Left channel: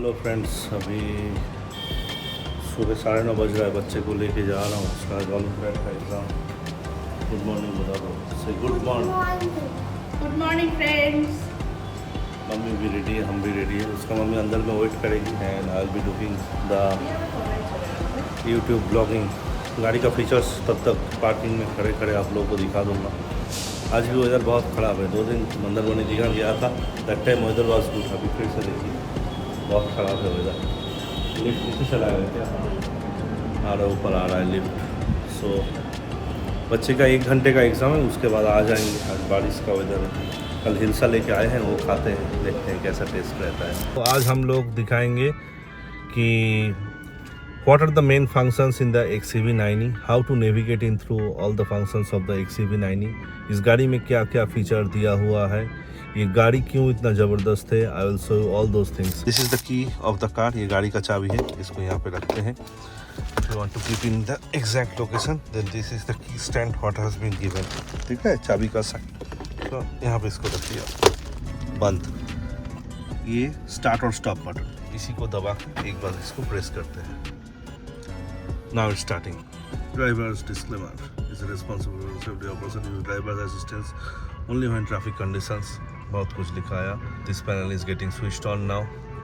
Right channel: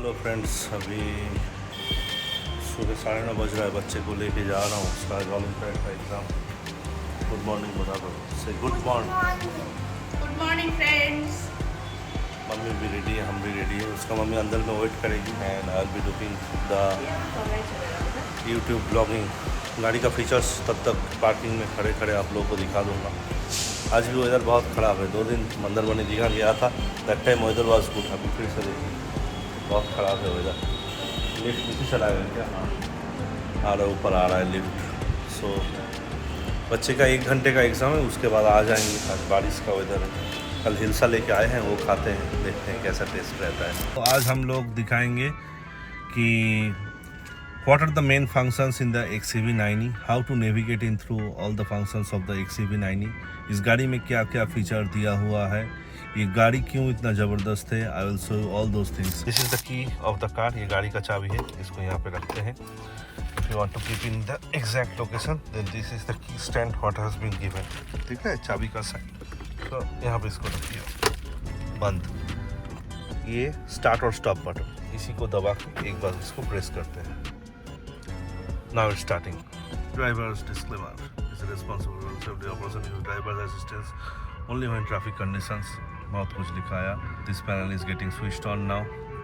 Hello friends, अभी सुबह 9:30 बज रहा है। बच्चे को लेके जा रहा हूँ, उसका ओलंपियाड का एग्ज़ाम। गुड मॉर्निंग बता दो, से good morning. Good morning friends. Mummy भी रेडी है, हम भी रेडी है। उसका मम्मी अंदर में वेट करेगी and I will be doing the YouTube blogging. गाड़ी का फीचर्स तब तक पार्किंग में खड़े खड़े आप लोगों को दिखा दूँगा। आज भी वेदर बहुत ख़राब है। 2 दिन मंदरमनी दिखा गया था, that time weather was good. अभी फिर से देखिए बहुत ख़राब है वेदर। लिफ्ट नीचे चला गया क्या? हाँ आ रहा है, ऊपर आ रहा है लिफ्ट। सो बच्चे का 1 घंटे का एग्ज़ाम है, उसके बाद आ जाएंगे। आज बारिश का वेदर है। कल हिलसा लेके आए हैं, वो खाते हैं, देखते हैं कैसा टेस्ट रहता है। तो आज हम लोग दिखाएंगे कि what are the main functions in the XCV90, how to navigate in through all the functions of the XCV90, इस गाड़ी में क्या क्या फीचर दिया हुआ है, ये गाड़ी क्यों इतना ज़बरदस्त है। आई will show you all those things. This is the key of the car, ये गाड़ी का चाबी है, इसको यहाँ पे रखते हैं। If you want to keep in the exact location then this is the key stand what has been given. ठीक है, चाबी का साइन, तो यहाँ पे इसको रख दिया। बंद। ये स्टार्ट और स्टॉप बटन, इसी को दबा के एक बार इसको प्रेस करते हैं। Now it's starting. Driver's disclaimer is responsible for safety of person use driver's assistance only when traffic conditions। बहुत कुछ दिखाया। This panel is getting switched on now।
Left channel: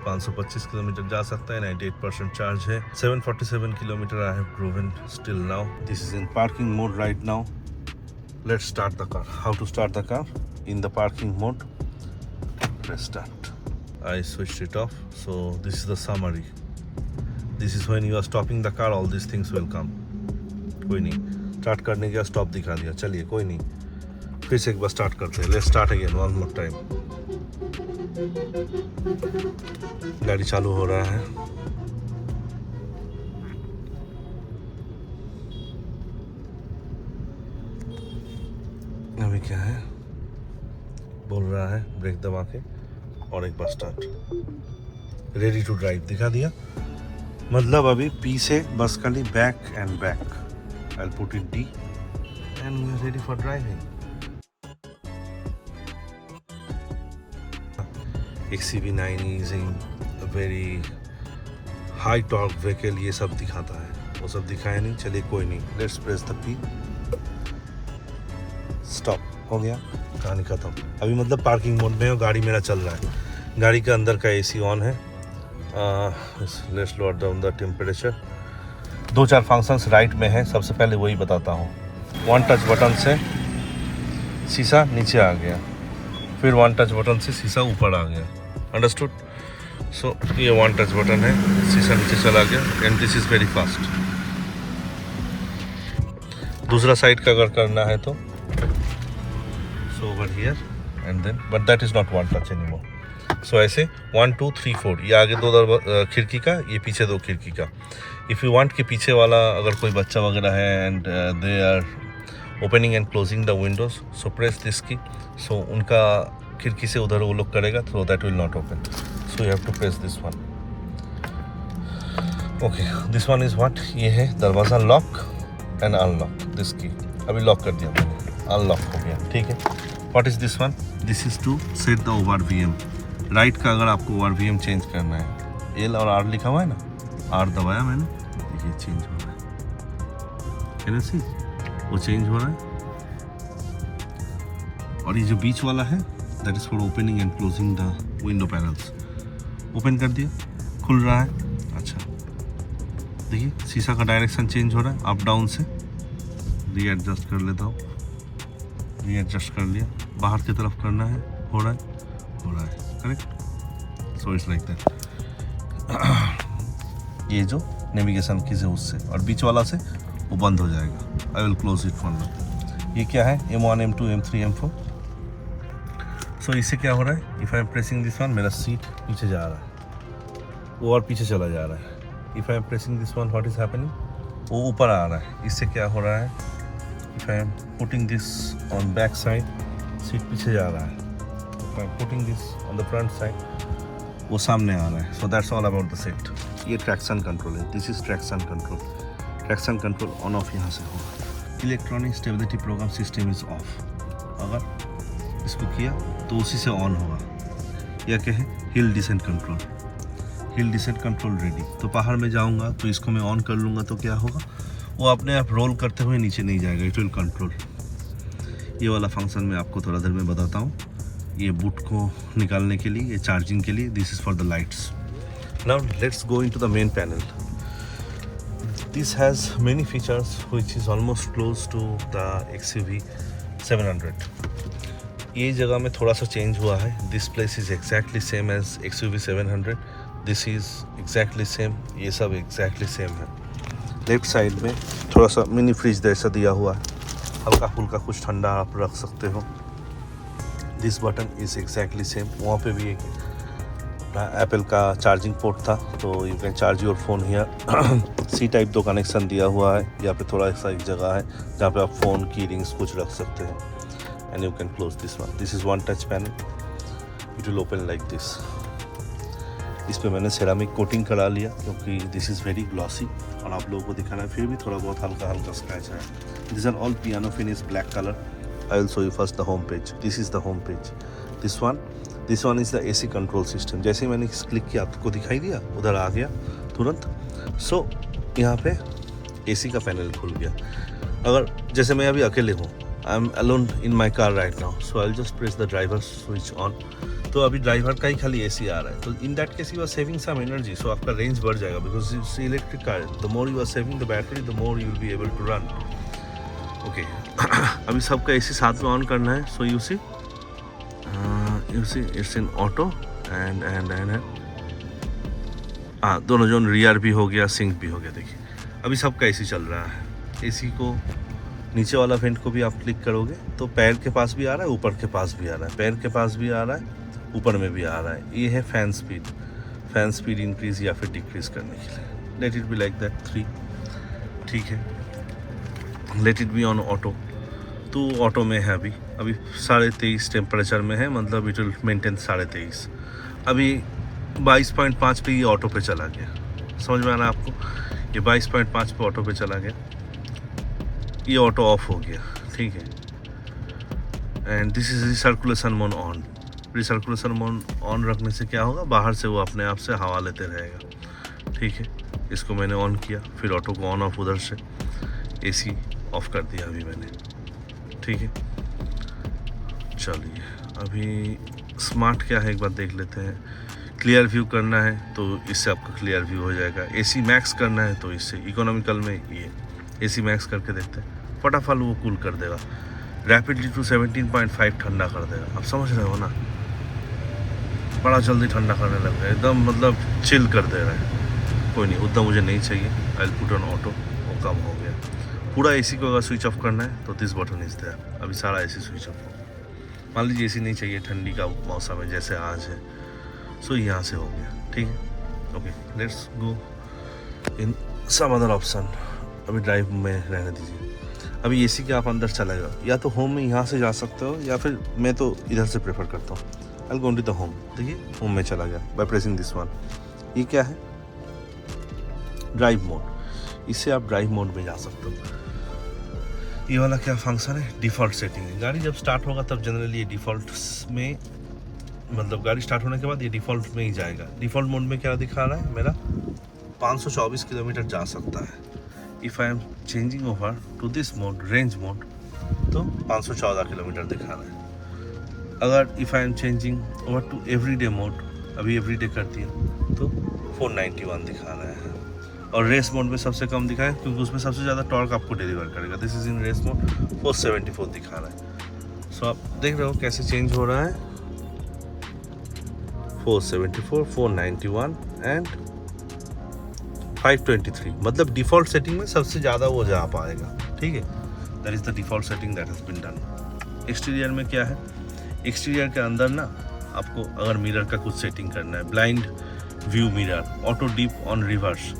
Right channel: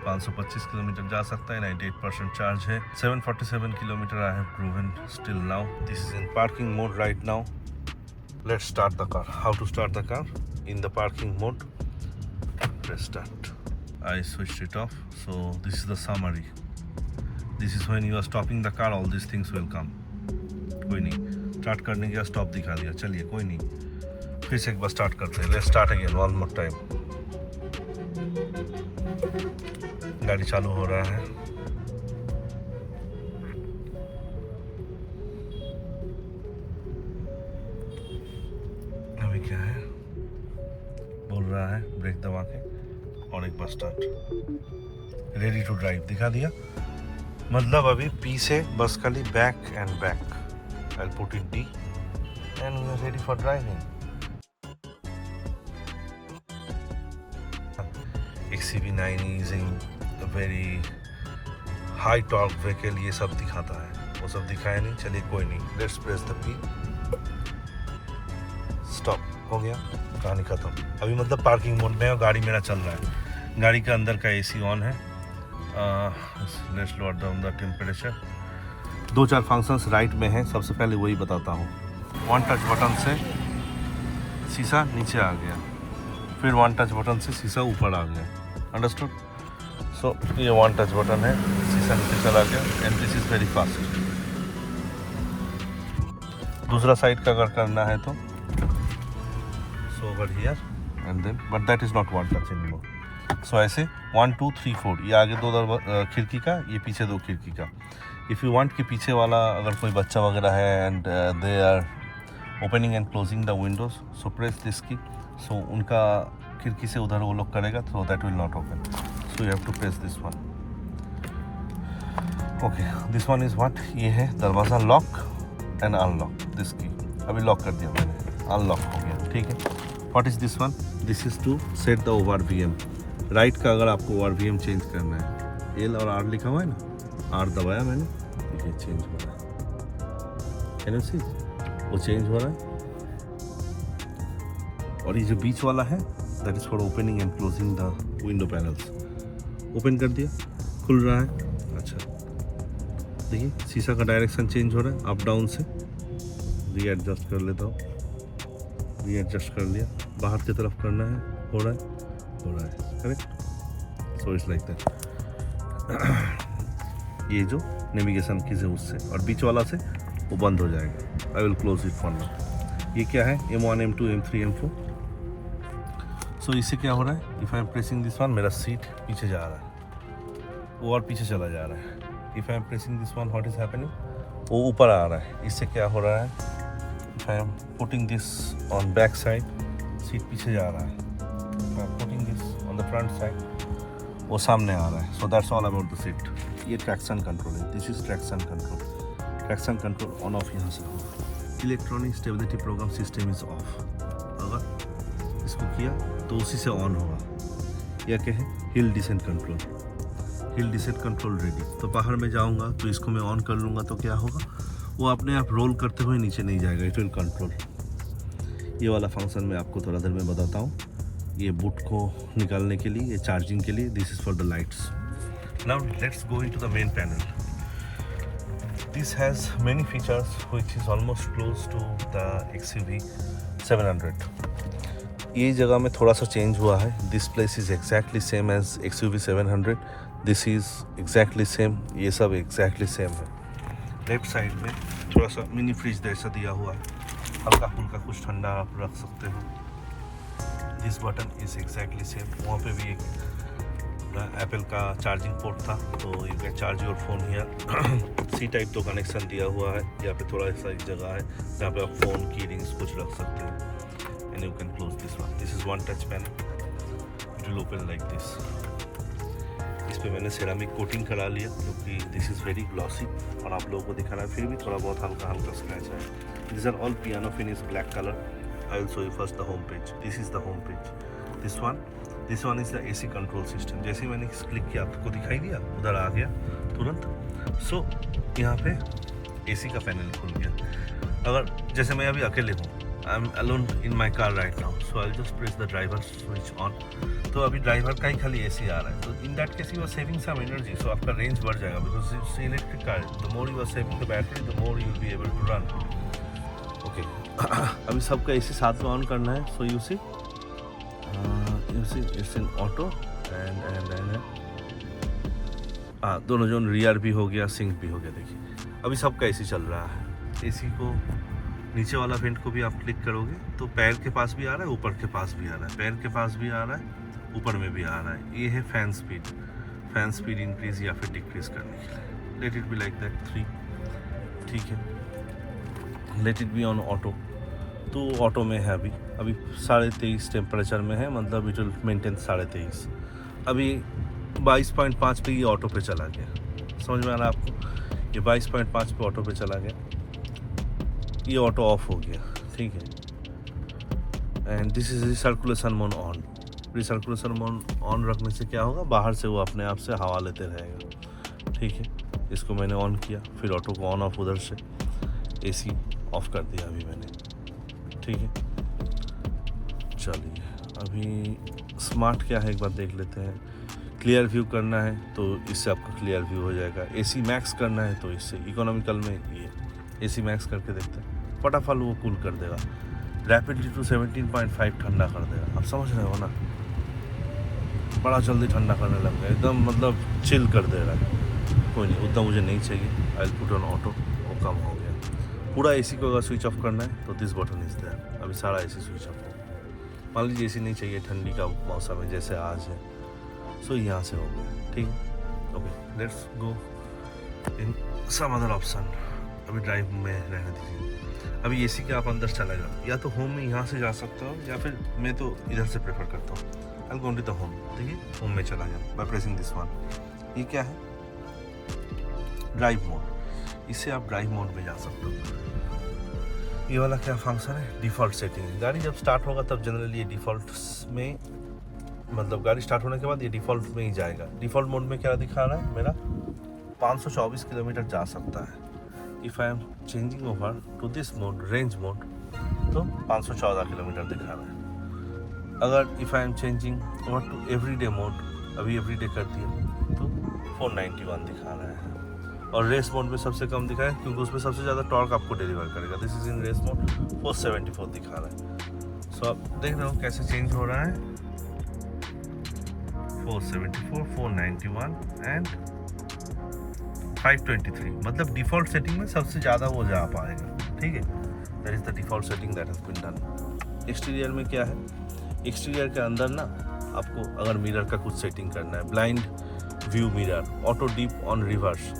525 kilometre जा सकता है, 98% चार्ज है। 747 kilometre I have driven still now। This is in parking mode right now। Let's start the car। How to start the car? In the parking mode, press start। I switched it off, so this is the summary। This is when you are stopping the car, all these things will come। कोई नहीं, start करने का stop दिखा दिया। चलिए कोई नहीं, फिर से एक बार स्टार्ट करते हैं। Let's start again one more time. गाड़ी चालू हो रहा है। अभी क्या है, बोल रहा है ब्रेक दबा के और एक बार स्टार्ट। रेडी टू ड्राइव दिखा दिया। मतलब अभी पी से बस खाली back and back. I put it D and we are ready for driving. XCV90 is in very high torque vehicle, ये सब दिखाता है, वो सब दिखाया नहीं। चलिए कोई नहीं, let's press the P. Stop हो गया, कहानी खत्म। अभी मतलब पार्किंग मोड में और गाड़ी मेरा चल रहा है। गाड़ी का अंदर का AC ऑन है। Let's lower down the temperature. 2-4 functions right में हैं, सबसे पहले वही बताता हूँ। 1 टच बटन से शीशा नीचे आ गया, फिर 1 टच बटन से शीशा ऊपर आ गया। अंडरस्टूड? सो ये 1 टच बटन है, शीशा नीचे चला गया and this is very fast. दूसरा साइड का अगर करना है तो so over here and then, but that is not 1 touch anymore. So ऐसे 1 2 3 4, ये आगे 2 खिड़की का, ये पीछे 2 खिड़की का। इफ़ यू वांट कि पीछे वाला अगर कोई बच्चा वगैरह है and they are opening and closing the windows, so press this key. So उनका खिड़की से उधर वो लोग करेगा, so that will not open. So you have to press this one. Okay, this one is what, ये है दरवाज़ा लॉक एंड अनलॉक। दिस की अभी लॉक कर दिया मैंने, अनलॉक हो गया। ठीक है, what is this one? This is to set the ORVM। Right का अगर आपको ORVM चेंज करना है, L और R लिखा हुआ है ना, R दबाया मैंने, देखिए चेंज हो रहा है। कैन यू सी? वो चेंज हो रहा है। और ये जो बीच वाला है that is for opening and closing the window panels. Open कर दिया, खुल रहा है। अच्छा देखिए, शीशा का डायरेक्शन चेंज हो रहा है अप डाउन से। रीएडजस्ट कर लेता हूँ, रीएडजस्ट कर लिया। बाहर की तरफ करना है, हो रहा है correct. So it's like that. ये जो नेविगेशन की से उससे, और बीच वाला से वो बंद हो जाएगा। I will close it for now. ये क्या है? M1 M2 M3 M4। सो इससे क्या हो रहा है? If I M pressing this one, मेरा सीट पीछे जा रहा है, वो और पीछे चला जा रहा है। If I M pressing this one, what is happening? वो ऊपर आ रहा है। इससे क्या हो रहा है? If I am putting this on back side, seat पीछे जा रहा है। If I am putting this on the front side, वो सामने आ रहा है। So that's all about the seat. ये ट्रैक्शन कंट्रोल है, this is traction control. Traction control on off यहाँ से होगा। Electronic stability program system is off, अगर इसको किया तो उसी से ऑन होगा। यह क्या है? Hill descent control. Hill descent control ready. तो पहाड़ में जाऊंगा तो इसको मैं ऑन कर लूँगा तो क्या होगा, वो अपने आप रोल करते हुए नीचे नहीं जाएगा, इट विल कंट्रोल। ये वाला फंक्शन मैं आपको थोड़ा देर में बताता हूँ। ये बूट को निकालने के लिए, ये चार्जिंग के लिए, this is for the lights. Now let's go into the main panel. This has many features which is almost close to the XUV 700। ये जगह में थोड़ा सा चेंज हुआ है। This place is exactly same as XUV 700। This is exactly same, ये सब exactly same है। लेफ्ट साइड में थोड़ा सा मिनी फ्रिज जैसा दिया हुआ है, हल्का फुल्का कुछ ठंडा आप रख सकते हो। This button is exactly same. वहाँ पे भी एक एप्पल का चार्जिंग पोर्ट था, तो you can charge your phone here. C type 2 connection दिया हुआ है। यहाँ पे थोड़ा सा एक जगह है जहाँ पे आप फ़ोन की रिंग्स कुछ रख सकते हो। And you can close this one. This is one touch panel, it will open like this. इस पे मैंने सेरामिक कोटिंग करा लिया क्योंकि दिस इज़ वेरी ग्लॉसी और आप लोगों को दिखाना है, फिर भी थोड़ा बहुत हल्का हल्का स्क्रैच है। This are all piano finish black colour. I will show you first the home page. This is the home page. This one is the AC control system. जैसे ही मैंने क्लिक किया आपको दिखाई दिया, उधर आ गया तुरंत। सो यहाँ पे AC का पैनल खुल गया। अगर जैसे मैं अभी अकेले हूँ, I am alone in my car right now, so I just press the driver switch on. तो अभी ड्राइवर का ही खाली AC आ रहा है। तो in that case you are saving some energy, so आपका रेंज बढ़ जाएगा because it's electric car. The more you are saving the battery, the more you will be able to run. Okay, अभी सबका AC साथ में on करना है। So you see it's in auto and दोनों जोन रियर भी हो गया, सिंक भी हो गया। देखिए अभी सबका AC चल रहा है। AC को नीचे वाला वेंट को भी आप क्लिक करोगे तो पैर के पास भी आ रहा है, ऊपर के पास भी आ रहा है, पैर के पास भी आ रहा है, ऊपर में भी आ रहा है। ये है फैन स्पीड इंक्रीज या फिर डिक्रीज करने के लिए। Late it be like that 3, ठीक है। Late it be on auto, तो ऑटो में है अभी 23.5 टेम्परेचर में है, मतलब इट विल मेंटेन 23.5। अभी 22.5 पे ये ऑटो पे चला गया। समझ में आ रहा है आपको? ये 22.5 पे ऑटो पे चला गया, ये ऑटो ऑफ हो गया, ठीक है। And this is recirculation mode on. Recirculation mode on रखने से क्या होगा, बाहर से वो अपने आप से हवा लेते रहेगा, ठीक है। इसको मैंने ऑन किया, फिर ऑटो को ऑन ऑफ उधर से AC ऑफ कर दिया अभी मैंने, ठीक है। चलिए अभी स्मार्ट क्या है एक बार देख लेते हैं। क्लियर व्यू करना है तो इससे आपका क्लियर व्यू हो जाएगा। AC मैक्स करना है तो इससे, इकोनॉमिकल में ये AC मैक्स करके देखते हैं, फटाफट वो कूल कर देगा। रैपिडली टू 17.5 ठंडा कर देगा। आप समझ रहे हो ना, बड़ा जल्दी ठंडा करने लग गया, एकदम मतलब चिल कर दे रहा है। कोई नहीं, उतना मुझे नहीं चाहिए। I will put on auto, वो कम हो गया। पूरा AC को अगर स्विच ऑफ करना है तो दिस बटन इज देयर। अभी सारा AC स्विच ऑफ हो। मान लीजिए AC नहीं चाहिए, ठंडी का मौसम है जैसे आज है, सो यहाँ से हो गया, ठीक है। Okay, let's go in some other option. अभी ड्राइव में रहने दीजिए। अभी AC के आप अंदर चला जाओ, या तो होम में यहाँ से जा सकते हो, या फिर मैं तो इधर से प्रेफर करता हूँ। आई गो टू द होम। देखिए होम में चला गया बाय प्रेसिंग दिस वन। ये क्या है, ड्राइव मोड। इससे आप ड्राइव मोड में जा सकते हो। ये वाला क्या फंक्शन है, डिफ़ॉल्ट सेटिंग है। गाड़ी जब स्टार्ट होगा तब जनरली ये डिफ़ॉल्ट में, मतलब गाड़ी स्टार्ट होने के बाद ये डिफ़ॉल्ट में ही जाएगा। डिफ़ॉल्ट मोड में क्या दिखा रहा है, मेरा 524 किलोमीटर जा सकता है। If I am changing over to this mode, range mode, तो 514 किलोमीटर दिखा रहा है। अगर if I am changing over to everyday mode, अभी एवरीडे कर दिया तो 491 दिखा रहा है। और रेस मोड में सबसे कम दिखा है क्योंकि उसमें सबसे ज़्यादा टॉर्क आपको डिलीवर करेगा। This is in race mode, 474 दिखा रहा है। सो आप देख रहे हो कैसे चेंज हो रहा है। 474, 491 एंड 523, मतलब डिफ़ॉल्ट सेटिंग में सबसे ज़्यादा वो जा पाएगा, ठीक है। That is the default setting that has been done. Exterior में क्या है, एक्सटीरियर के अंदर ना आपको अगर मिरर का कुछ सेटिंग करना है, blind view mirror, auto deep on reverse,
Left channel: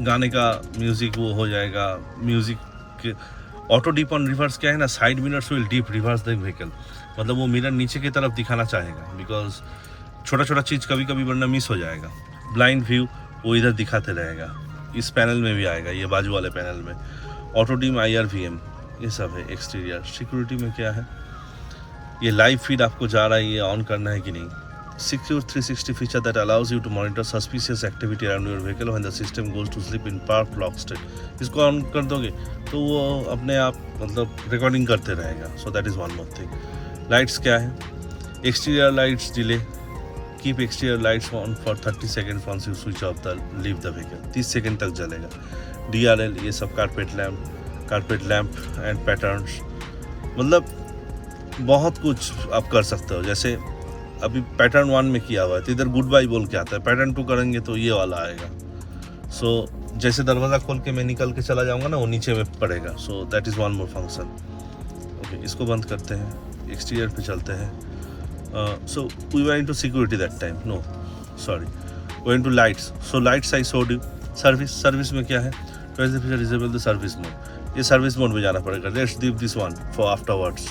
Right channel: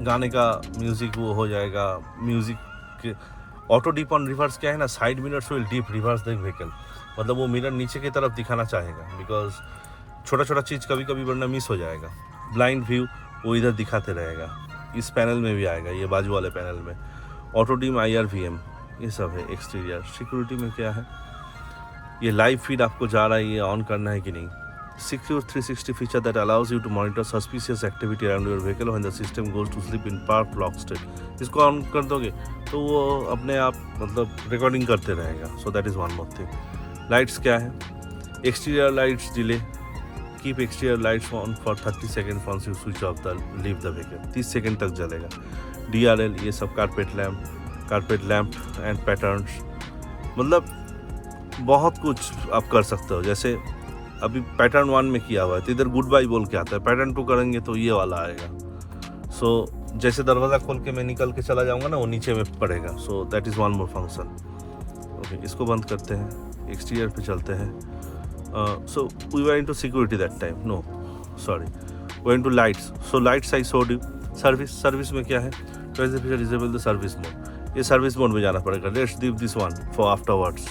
गाने का म्यूज़िक वो हो जाएगा। म्यूज़िक के ऑटो डीप ऑन रिवर्स क्या है ना, side mirrors will deep reverse the vehicle, मतलब वो मिरर नीचे की तरफ दिखाना चाहेगा बिकॉज छोटा छोटा चीज़ कभी कभी वरना मिस हो जाएगा। ब्लाइंड व्यू वो इधर दिखाते रहेगा। इस पैनल में भी आएगा, ये बाजू वाले पैनल में। ऑटो डीम, IRVM, ये सब है एक्सटीरियर। सिक्योरिटी में क्या है, ये लाइव फीड आपको जा रहा है, ये ऑन करना है कि नहीं, secure 360 feature that allows you to monitor suspicious activity around your vehicle when the system goes to sleep in park lock state। इसको ऑन कर दोगे तो वो अपने आप मतलब रिकॉर्डिंग करते रहेगा। सो that is one more thing. Lights क्या है? Exterior lights delay, keep exterior lights on for 30 second once you switch off the leave the vehicle। 30 second तक जलेगा। DRL ये सब कारपेट लैम्प एंड पैटर्न्स, मतलब बहुत कुछ आप कर सकते हो। जैसे अभी पैटर्न 1 में किया हुआ है तो इधर गुड बाय बोल के आता है, पैटर्न 2 करेंगे तो ये वाला आएगा। सो जैसे दरवाज़ा खोल के मैं निकल के चला जाऊंगा ना, वो नीचे में पड़ेगा। So that is one more function. Okay, इसको बंद करते हैं, एक्सटीरियर पे चलते हैं। So we were into security that time, no sorry, we into lights. So lights I showed you. Service में क्या है? डिसेबल द सर्विस मोड, ये सर्विस मोड में जाना पड़ेगा। Let's leave this one for afterwards.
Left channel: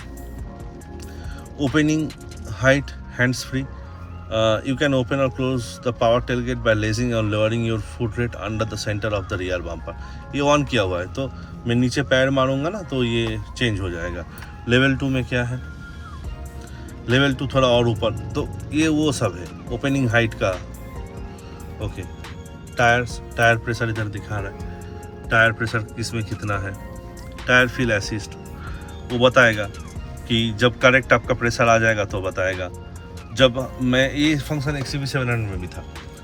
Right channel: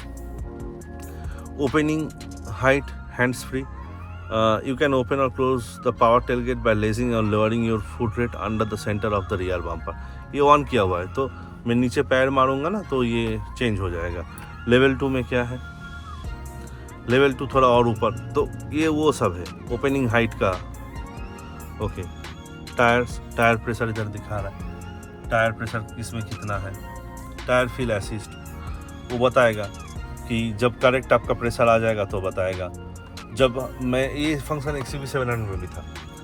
Opening height hands free, you can open or close the power tailgate by raising or lowering your foot rest under the center of the rear bumper। ये on किया हुआ है तो मैं नीचे पैर मारूंगा ना तो ये चेंज हो जाएगा। लेवल 2 में क्या है? लेवल 2 थोड़ा और ऊपर, तो ये वो सब है ओपनिंग हाइट का। ओके, टायर प्रेशर इधर दिखा रहा है, टायर प्रेशर इसमें कितना है। टायर फील असिस्ट वो बताएगा कि जब करेक्ट आपका प्रेशर आ जाएगा तो बताएगा। जब मैं ये फंक्शन XCV700 में भी था,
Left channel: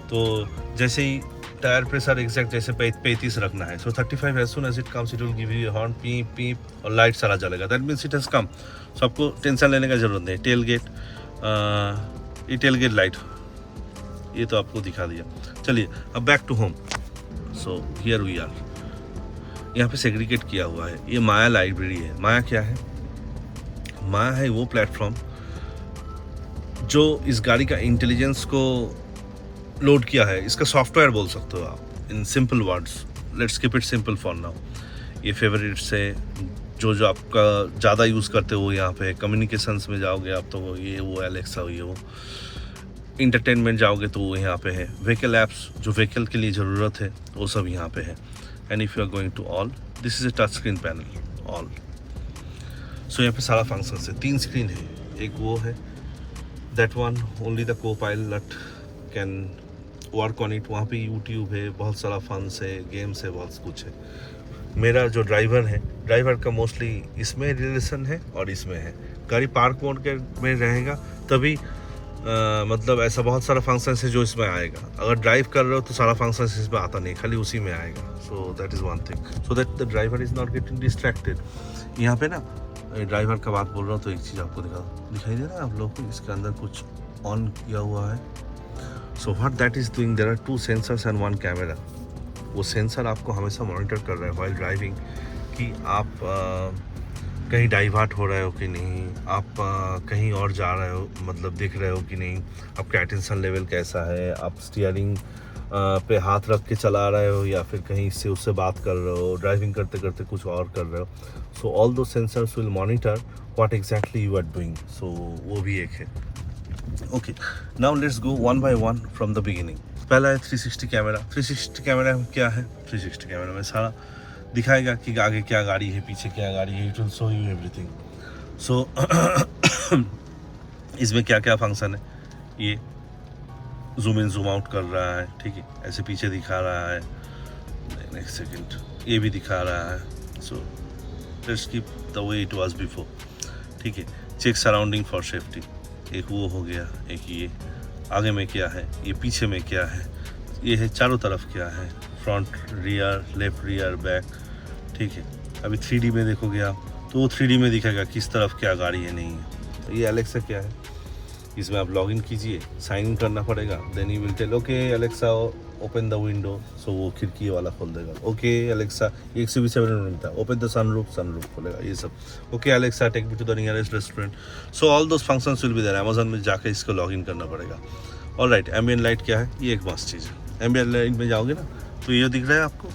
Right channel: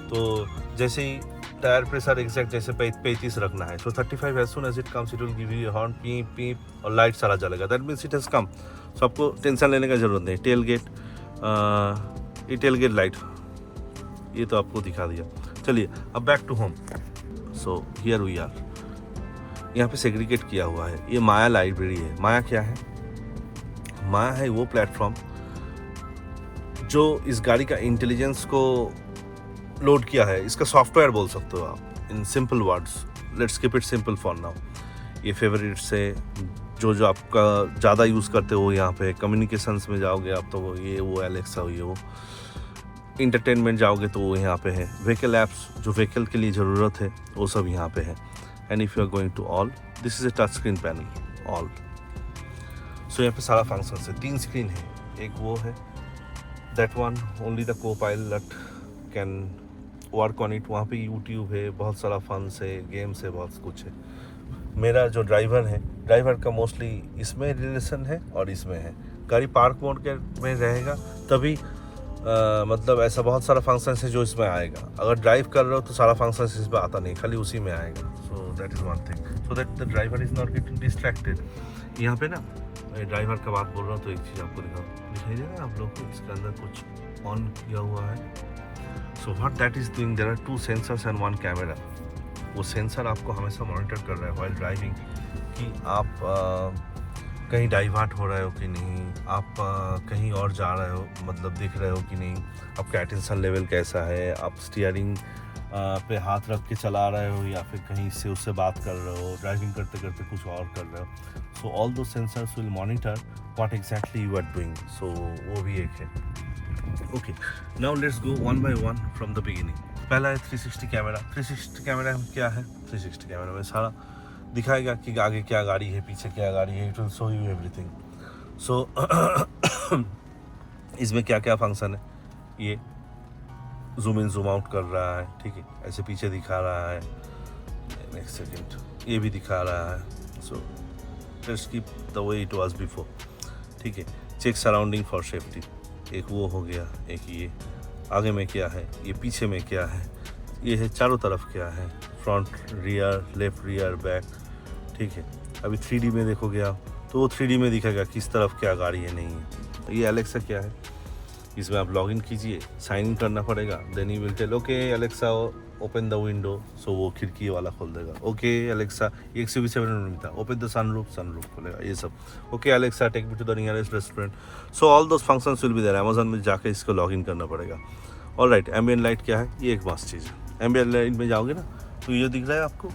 तो जैसे ही टायर प्रेशर एग्जैक्ट जैसे 35 रखना है, तो 35 as soon as it comes it will give you horn, peep peep, और लाइट सारा जलेगा। That means it has come. So आपको टेंशन लेने का जरूरत नहीं। टेल गेट, ये टेल गेट लाइट ये तो आपको दिखा दिया। चलिए अब back to home. So here we are, यहाँ पे सेग्रीगेट किया हुआ है। ये माया लाइब्रेरी है। माया क्या है? माया है वो प्लेटफॉर्म जो इस गाड़ी का इंटेलिजेंस को लोड किया है। इसका सॉफ्टवेयर बोल सकते हो आप in simple words. Let's keep it simple for now. ये फेवरेट्स है जो आपका ज़्यादा यूज़ करते हो। यहाँ पे कम्युनिकेशंस में जाओगे आप तो वो एलेक्सा, ये वो इंटरटेनमेंट जाओगे तो वो यहाँ पे है। व्हीकल ऐप्स जो व्हीकल के लिए ज़रूरत है वो सब यहाँ पे है। And if you are going to all, this is a touch screen panel all. So यहाँ पे सारा फंक्शन है। 3 स्क्रीन है, एक वो है दैट वन ओनली द को pilot can work on it. वहाँ पे यूट्यूब है, बहुत सारा फंस है, गेम्स है, बहुत कुछ है। मेरा जो ड्राइवर है, ड्राइवर का मोस्टली इसमें रिलेशन है और इसमें है। गाड़ी पार्क मोड के में रहेगा तभी मतलब ऐसा बहुत सारा फंक्शन है जो इसमें आएगा। अगर ड्राइव कर रहे हो तो सारा फंक्शन इसमें आता नहीं, खाली उसी में आएगा। सो that is one thing, so that the driver is not getting distracted. यहाँ पे ना ड्राइवर का बात बोल रहा हूँ तो एक चीज़ आपको दिखाई दे रहा है आप लोग को, इसके अंदर कुछ ऑन किया हुआ है। So what that is doing, there are 2 sensors and 1 camera. वो सेंसर आपको हमेशा मॉनिटर कर रहा है व्हाइल ड्राइविंग कि आप कहीं डाइवर्ट हो रहे हो कि नहीं, आप कहीं और जा रहे हो, मतलब देख रहे हो कि नहीं, आपका अटेंशन लेवल कैसा है, आप स्टीयरिंग पे हाथ रख के चला रहे हो या फिर कहीं इससे उससे बात कर रहे हो, ड्राइविंग करते करते कुछ और कर रहे हो। सो ऑल दो sensors will monitor what exactly you are doing. So वो भी एक है। Okay, now let's go one by one from the beginning. पहला है 360 कैमरा। 360 कैमरा क्या है? 360 कैमरा में सारा दिखाएगा कि आगे क्या गाड़ी है, पीछे क्या गाड़ी है, it will show you everything. So इसमें क्या क्या फंक्शन है, ये जूम इन जूम आउट कर रहा है, ठीक है, ऐसे पीछे दिखा रहा है, नेक्स्ट सेकंड ये भी दिखा रहा है। So let's keep the way it was before, ठीक है। चेक सराउंडिंग फॉर सेफ्टी, एक वो हो गया, एक ये आगे में क्या है, ये पीछे में क्या है, ये है चारों तरफ क्या है, front rear, left rear back, ठीक है। अभी 3D में देखोगे आप तो वो 3D में दिखेगा किस तरफ क्या गाड़ी है, नहीं है। ये एलेक्सा क्या है, इसमें आप लॉगिन कीजिए, साइन इन करना पड़ेगा, then you will tell okay Alexa open the window, so वो खिड़की वाला खोल देगा। ओके एलेक्सा, 127 मिलता है, ओपन द सनरूफ खोलेगा, ये सब। Okay Alexa take me to the nearest restaurant. So all those functions will be there. Amazon में जाके इसको लॉगिन करना पड़ेगा। ऑलराइट, एम्बिएंट लाइट क्या है, ये एक मस्त चीज़ है। एम्बिएंट लाइट में जाओगे ना तो ये दिख रहा है आपको,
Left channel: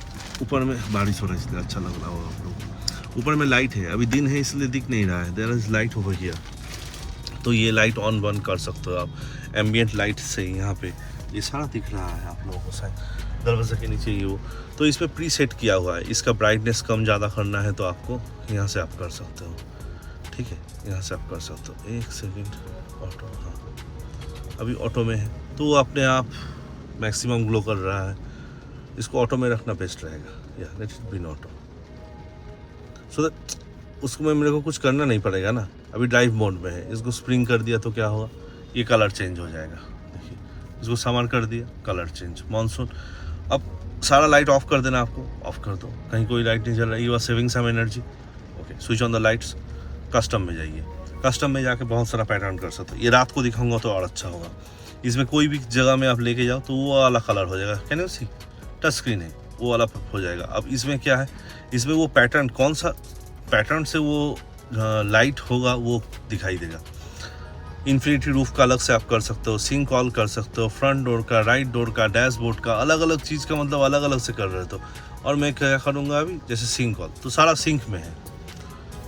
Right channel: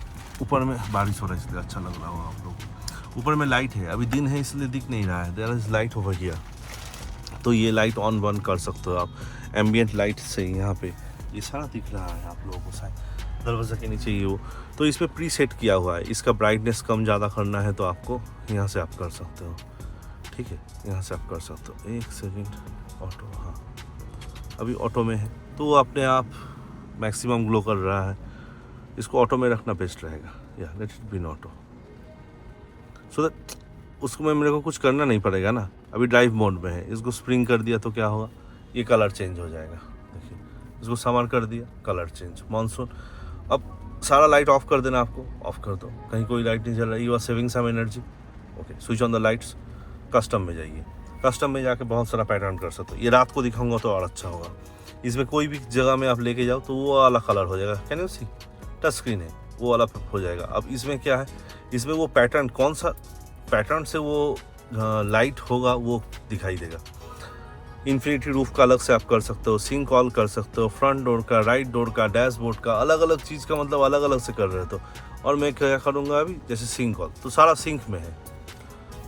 ऊपर में बारिश हो रहा है इसलिए अच्छा लग रहा होगा आप लोग। ऊपर में लाइट है, अभी दिन है इसलिए दिख नहीं रहा है, there is light over here. तो ये लाइट ऑन बंद कर सकते हो आप एम्बिएंट लाइट से। यहाँ पे ये सारा दिख रहा है आप लोगों को शायद दरवाजे के नीचे ये हो। तो इसमें प्री सेट किया हुआ है, इसका ब्राइटनेस कम ज़्यादा करना है तो आपको यहाँ से आप कर सकते हो, ठीक है, यहाँ से आप कर सकते हो। एक सेकेंड, ऑटो, हाँ अभी ऑटो में है तो वो अपने आप मैक्सिमम ग्लो कर रहा है। इसको ऑटो में रखना बेस्ट रहेगा। या late it be in auto so that उसको मेरे को कुछ करना नहीं पड़ेगा ना। अभी ड्राइव मोड में है, इसको स्प्रिंग कर दिया तो क्या होगा, ये कलर चेंज हो जाएगा। देखिए इसको सामान कर दिया, कलर चेंज। मानसून अब सारा लाइट ऑफ कर देना, आपको ऑफ कर दो, कहीं कोई लाइट नहीं जल रही, you are saving some energy. Okay, switch on the lights, custom में जाइए। कस्टम में जाके बहुत सारा पैटर्न कर सकते हो। ये रात को दिखाऊंगा तो और अच्छा होगा। इसमें कोई भी जगह में आप लेके जाओ तो वो वाला कलर हो जाएगा। Can you see, touch screen है, वो वाला हो जाएगा। अब इसमें क्या है, इसमें वो पैटर्न, कौन सा पैटर्न से वो लाइट होगा वो दिखाई देगा। इन्फिनिटी रूफ का अलग से आप कर सकते हो, सिंक ऑल कर सकते हो, फ्रंट डोर का, राइट डोर का, डैशबोर्ड का, अलग अलग चीज़ का मतलब अलग अलग से कर रहे हो। और मैं क्या करूँगा अभी, जैसे सिंक ऑल तो सारा सिंक में है।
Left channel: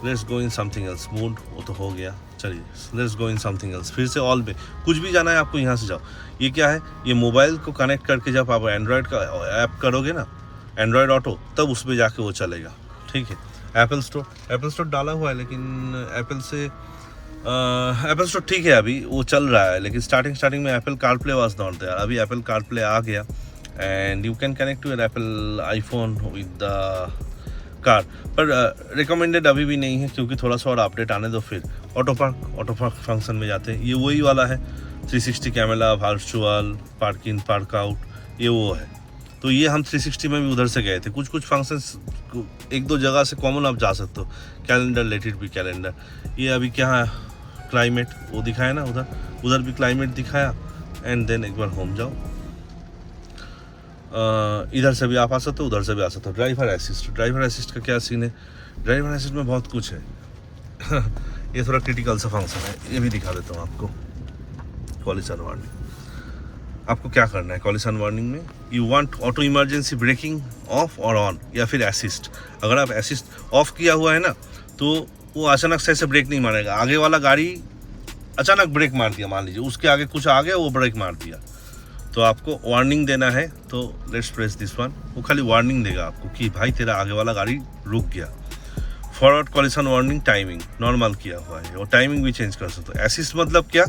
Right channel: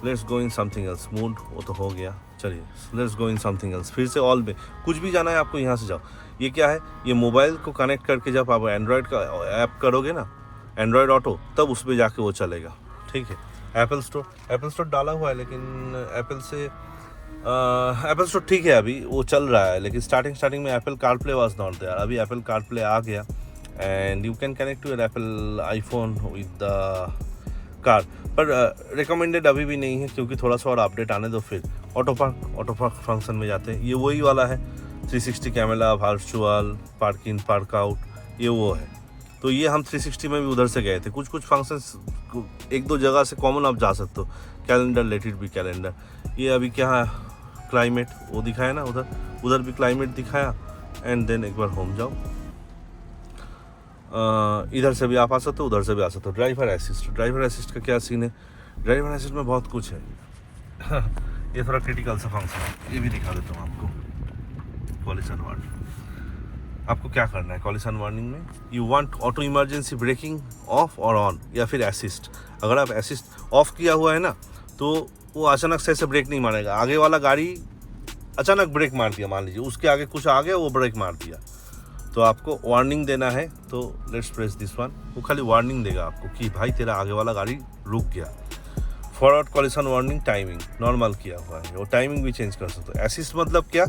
Let's go in something else, mood वो तो हो गया, चलिए let's go in something else. फिर से ऑल में कुछ भी जाना है आपको, यहाँ से जाओ। ये क्या है, ये मोबाइल को कनेक्ट करके जब आप एंड्रॉयड का ऐप करोगे ना, एंड्रॉयड ऑटो, तब उसमें जाके वो चलेगा। ठीक है, एप्पल स्टोर डाला हुआ है, लेकिन एप्पल से एप्पल स्टोर ठीक है, अभी वो चल रहा है, लेकिन स्टार्टिंग में Apple CarPlay was not there. अभी एप्पल कारप्ले आ गया and you can connect to your Apple iPhone with the car. पर रिकमेंडेड अभी भी नहीं है, क्योंकि थोड़ा सा और अपडेट आने दो। फिर ऑटो पार्क फंक्शन में जाते हैं। ये वही वाला है, 360 camera, virtual parking, park out, ये वो है। तो ये हम 360 में भी उधर से गए थे। कुछ फंक्शंस एक दो जगह से कॉमन आप जा सकते हो। Calendar, late it B calendar. ये अभी क्या है, क्लाइमेट वो दिखाया ना, उधर भी क्लाइमेट दिखाया। एंड देन एक बार होम जाओ, इधर से भी आप आ सकते हो, उधर से भी आ सकते हो। ड्राइवर असिस्ट का क्या सीन है, ड्राइवर असिस्ट में बहुत कुछ है। ये थोड़ा क्रिटिकल सा फंक्शन है, ये भी दिखा देता हूँ आपको। कॉलिशन वार्निंग, आपको क्या करना है कॉलिशन वार्निंग में, you want auto emergency breaking of और ऑन, या फिर असिस्ट। अगर आप असिस्ट ऑफ किया हुआ है ना, तो वो अचानक से ऐसे ब्रेक नहीं मारेगा। आगे वाला गाड़ी अचानक ब्रेक मार दिया, मान लीजिए उसके आगे कुछ आ गया, वो ब्रेक मार दिया, तो आपको वार्निंग देना है। तो लेट्स प्रेस दिस वन, वो खाली वार्निंग देगा आपको कि भाई तेरा आगे वाला गाड़ी रुक गया। Forward coalition warning timing normal किया हुआ है, वो टाइमिंग भी चेंज कर सकते हो। असिस्ट मतलब क्या,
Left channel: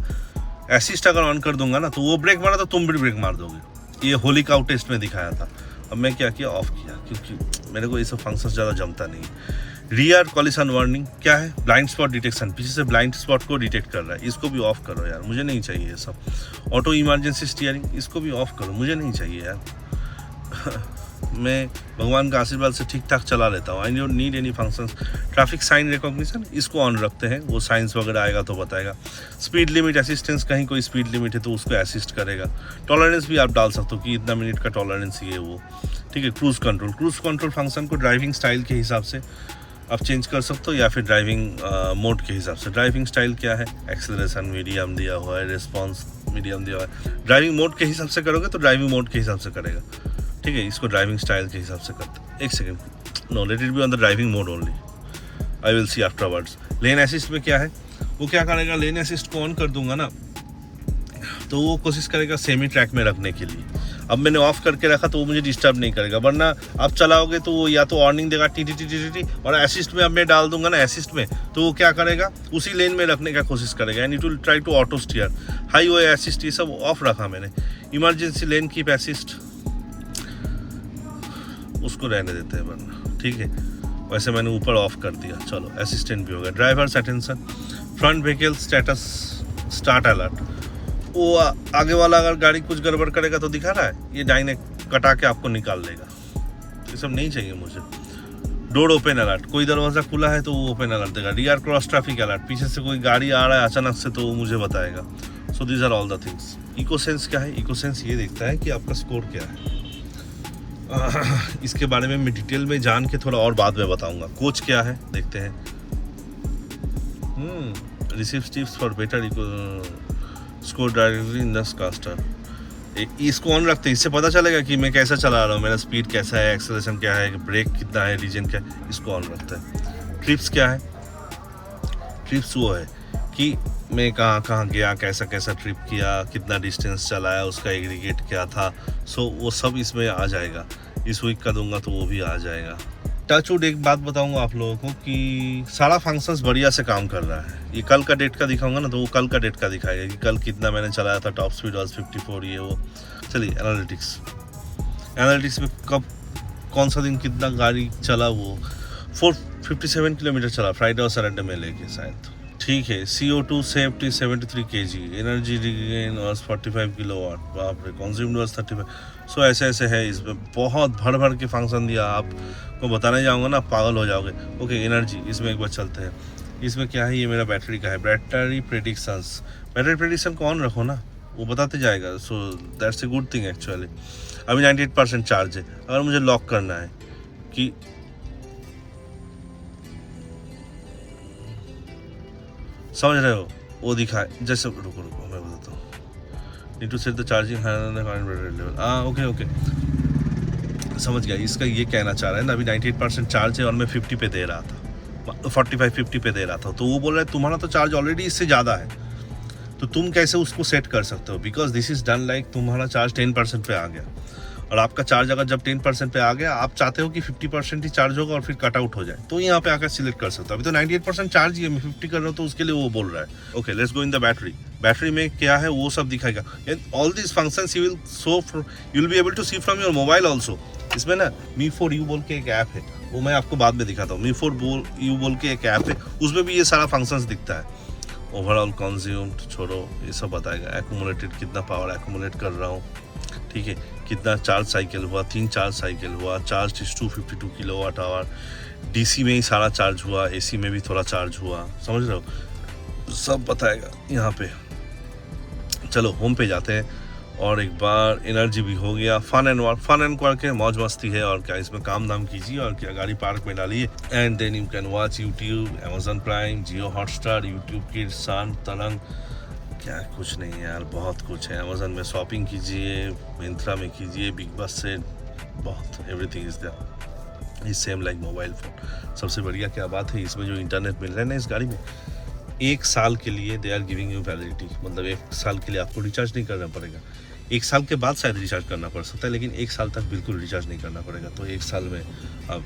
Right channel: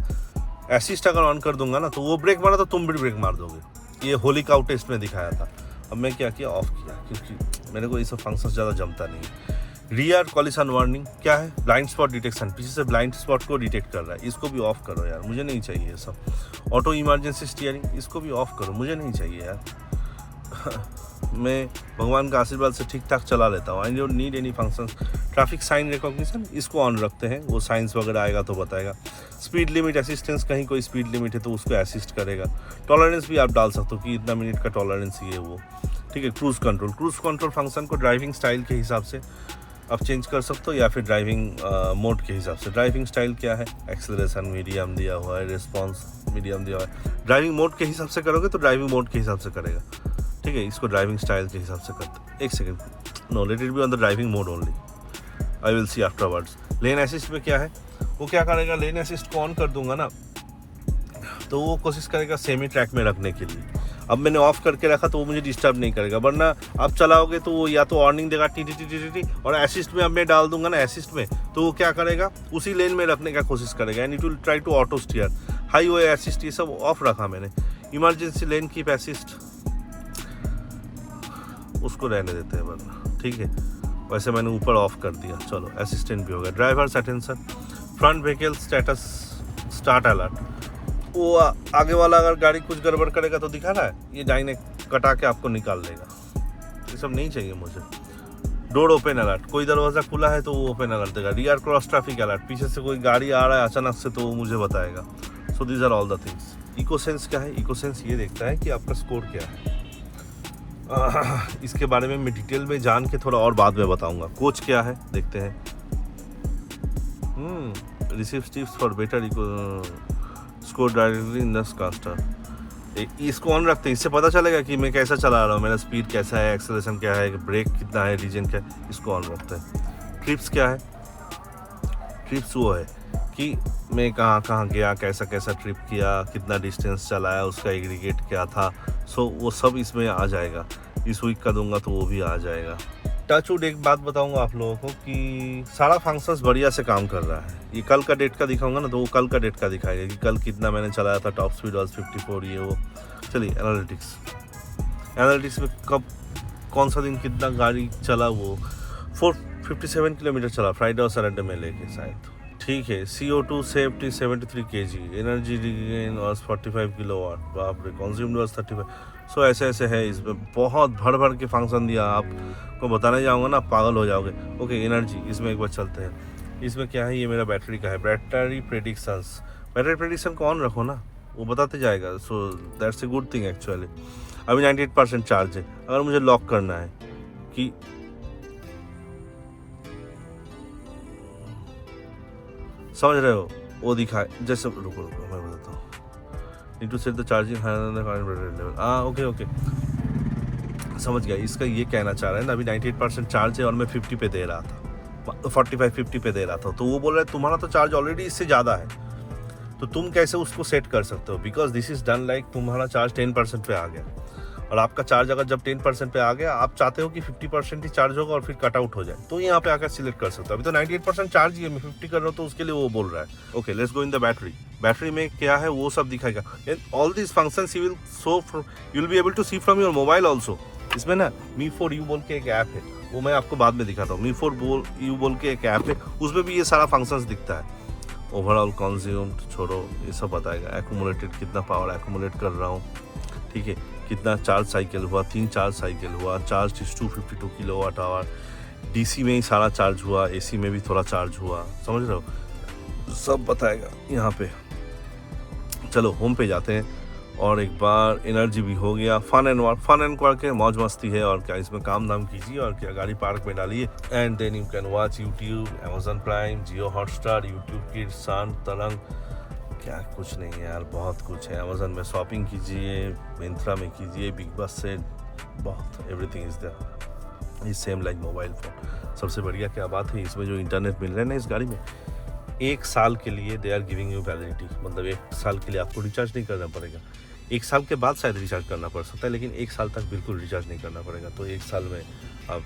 असिस्ट अगर ऑन कर दूंगा ना, तो वो ब्रेक मारा तो तुम भी ब्रेक मार दोगे। ये होली काउ टेस्ट में दिखाया था। अब मैं क्या किया, ऑफ किया, क्योंकि मेरे को ये सब फंक्शन ज़्यादा जमता नहीं। रियर कॉलिशन वार्निंग क्या है, ब्लाइंड स्पॉट डिटेक्शन, पीछे से ब्लाइंड स्पॉट को डिटेक्ट कर रहा है, इसको भी ऑफ करो यार, मुझे नहीं चाहिए ये सब। ऑटो इमरजेंसी स्टीयरिंग, इसको भी ऑफ करो, मुझे नहीं चाहिए यार। मैं भगवान का आशीर्वाद से ठीक ठाक चला लेता हूँ। I don't need any functions. Traffic sign recognition, इसको ऑन रखते हैं, वो साइंस वगैरह आएगा तो बताएगा। स्पीड लिमिट असिस्टेंस, कहीं कोई स्पीड लिमिट है तो उसको असिस्ट करेगा। टॉलरेंस भी आप डाल सकते हो कि इतना मिनट का टॉलरेंस ये वो, ठीक है। क्रूज़ कंट्रोल फंक्शन को ड्राइविंग स्टाइल के हिसाब से आप चेंज कर सकते हो, या फिर ड्राइविंग मोड के हिसाब से। ड्राइविंग स्टाइल क्या है, एक्सेलरेशन मीडियम दिया हुआ है, रिस्पॉन्स मीडियम दिया हुआ है। ड्राइविंग मोड के हिसाब से करोगे तो ड्राइविंग मोड के हिसाब से करेगा, ठीक है। इसको ड्राइविंग स्टाइल के हिसाब से करते। एक second, no, let it be on the driving mode only, I will see afterwards. Lane assist में क्या है, वो क्या करेगा, लेन असिस्ट को ऑन कर दूंगा ना, तो वो कोशिश करेगा सेमी ट्रैक में रखने के लिए। अब मैंने ऑफ करके रखा तो वो मुझे डिस्टर्ब नहीं करेगा, वरना आप चलाओगे तो वो या तो वार्निंग देगा T T T T T, और असिस्ट में अब मैं डाल दूंगा ना असिस्ट में, तो वो क्या करेगा, उसी लेन में रखने का कोशिश करेगा, and it will try to auto steer. Highway assist ये सब ऑफ रखा मैंने। इमरजेंसी लेन कीप असिस्ट, उसको रहने देते हैं वरना, ठीक है। वैसे मैंने ऊपर ऑफ कर दिया, चलो असिस्टेंट भी हो गया। Drivers attention, front vehicle status start alert, वो आगे वाला अगर गाड़ी कुछ गड़बड़ करेगा तो दिखा रहा है, ये दाहिने कटा के आपको निकाल देगा। ये सब नहीं चाहिए मुझे। डोर ओपन अलर्ट, कोई दरवाज़ा खुला है तो वो ओपन अलर्ट देगा। रियर क्रॉस ट्रैफिक अलर्ट, पीछे से कोई गाड़ी आ रहा है अचानक से तो वो मुझे बताएगा। So these are all the things. Ecosense क्या है, इकोसेंस ये देखता है कि आपका स्कोर क्या है। इसके बारे में मैं डिटेल में जान के थोड़ा और बाद में बताऊंगा। कोच क्या है देखते हैं। Receive tips for better score directly in the caster. इसको ऑन रखते हैं, इससे पता चलेगा कि मैं कैसा चला रहा हूँ, मेरा स्पीड कैसा है, एक्सेलरेशन क्या है, ब्रेक कितना है, रीजन क्या है, इसको ऑन रखते हैं। ट्रिप्स क्या है, ट्रिप्स वो है कि मैं कहाँ कहाँ गया, कैसा कैसा ट्रिप किया, कितना डिस्टेंस चलाया, उसका एग्रीगेट क्या था। सो वो सब इसमें आ जाएगा। इस वीक का दूंगा तो वो भी आ जाएगा, टचवुड एक बात बताऊंगा आप लोगों को कि सारा फंक्शंस बढ़िया से काम कर रहा है। ये कल का डेट का दिखाऊंगा ना तो वो कल का डेट का दिखाएगा कि कल कितना मैंने चलाया था, टॉप स्पीड वाज 54 ये वो। चलिए एनालिटिक्स में कब कौन सा दिन कितना गाड़ी चला, वो 457 किलोमीटर चला फ्राइडे और सैटरडे में लेके शायद। ठीक है, CO2 safety 73 kg, energy regain और 45 किलोवाट, बाप रे, कंज्यूम्ड वाज 35। सो ऐसे है। इसमें बहुत भर के फंक्शन दिया, आपको बताने जाऊंगा ना पागल हो जाओगे। ओके, एनर्जी इसमें एक बार चलते हैं। इसमें क्या है, ये मेरा बैटरी का है, बैटरी प्रेडिक्शन को ऑन रखो ना, वो बताते जाएगा। So that's a good thing actually. अभी 98% चार्ज है। अगर मुझे लॉक करना है कि समझ रहे हो, वो दिखाए जैसे, रुको मैं बताता हूँ। Need to set the charging level. Okay समझ गया। इसका ये कहना चाह रहा है ना, अभी 98% चार्ज है और मैं 50 पे दे रहा था, 45-50 पे दे रहा था, तो वो बोल रहा है तुम्हारा तो चार्ज ऑलरेडी इससे ज़्यादा है, तो तुम कैसे उसको सेट कर सकते हो? Because this is done like तुम्हारा चार्ज 10% पे आ गया और आपका चार्ज अगर जब 10% पे आ गया, आप चाहते हो कि 50% ही चार्ज होगा और फिर कट आउट हो जाए, तो यहाँ पे आकर सिलेक्ट कर सकते हो। अभी तो 98% चार्ज ही है, मैं 50 कर रहा हूँ, तो उसके लिए वो बोल रहा है। Okay, let's go in the battery में क्या है वो सब दिखाएगा। All these functions you will be able to see from your mobile also. इसमें ना Me4U बोल के एक ऐप है, वो मैं आपको बाद में दिखाता हूँ। Me4U बोल के एक ऐप है, उसमें भी ये सारा फंक्शंस दिखता है। ओवरऑल कंज्यूम्ड छोड़ो, ये सब बताएगा। एक्यूमुलेटेड, कितना पावर एक्यूमुलेट कर रहा हूँ, ठीक है, कितना चार्ज साइकिल हुआ, 3 चार्ज साइकिल हुआ, charge is 252 kilowatt hour, DC में ही सारा चार्ज हुआ, AC में भी थोड़ा चार्ज हुआ, समझ रहे हो, सब बताएगा यहाँ पे। चलो होम पे जाते हैं और एक बार एनर्जी भी हो गया। फन एंड करके मौज मस्ती है और क्या, इसमें काम धाम कीजिए और क्या, गाड़ी पार्क में डालिए and then you can watch YouTube, Amazon Prime, Jio Hotstar, YouTube Kids, सान तरंग, क्या कुछ नहीं यार, बहुत कुछ है। Amazon में शॉपिंग कीजिए, मिंत्रा में कीजिए, बिग बस से, बहुत everything is there. Is same like mobile phone. सबसे बढ़िया क्या बात है, इसमें जो इंटरनेट मिल रहा है ना इस गाड़ी में, 1 साल के लिए they are giving you validity, मतलब 1 साल के लिए आपको रिचार्ज नहीं करना पड़ेगा। 1 साल के बाद शायद रिचार्ज करना पड़ सकता है, लेकिन 1 साल तक बिल्कुल रिचार्ज नहीं करना पड़ेगा। तो 1 साल में आप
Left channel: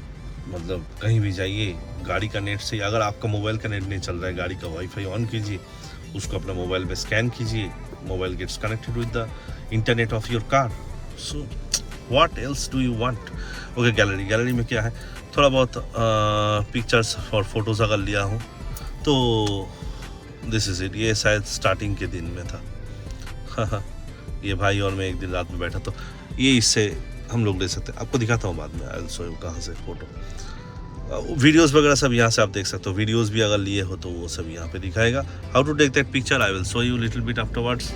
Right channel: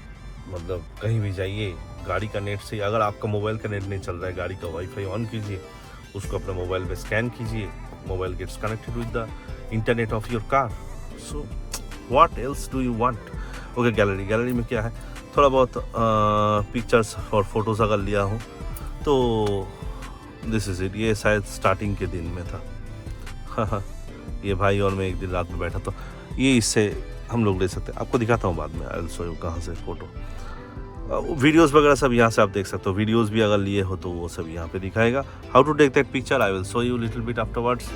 मतलब कहीं भी जाइए, गाड़ी का नेट से, अगर आपका मोबाइल का नेट नहीं चल रहा है, गाड़ी का वाईफाई ऑन कीजिए, उसको अपने मोबाइल में स्कैन कीजिए, mobile gets connected with the internet of your car. So what else do you want? Okay, gallery में क्या है, थोड़ा बहुत पिक्चर्स और फोटोज़ अगर लिया हूँ तो दिस इज इट। ये शायद स्टार्टिंग के दिन में था। ये भाई और मैं एक दिन रात में बैठा था, ये इससे हम लोग ले सकते हैं, आपको दिखाता हूँ बाद में। आई विल शो यू कहाँ से फोटो, वीडियोस वगैरह सब यहाँ से आप देख सकते हो। वीडियोस भी अगर लिए हो तो वो सब यहाँ पे दिखाएगा। How to take that picture I will show you little bit afterwards.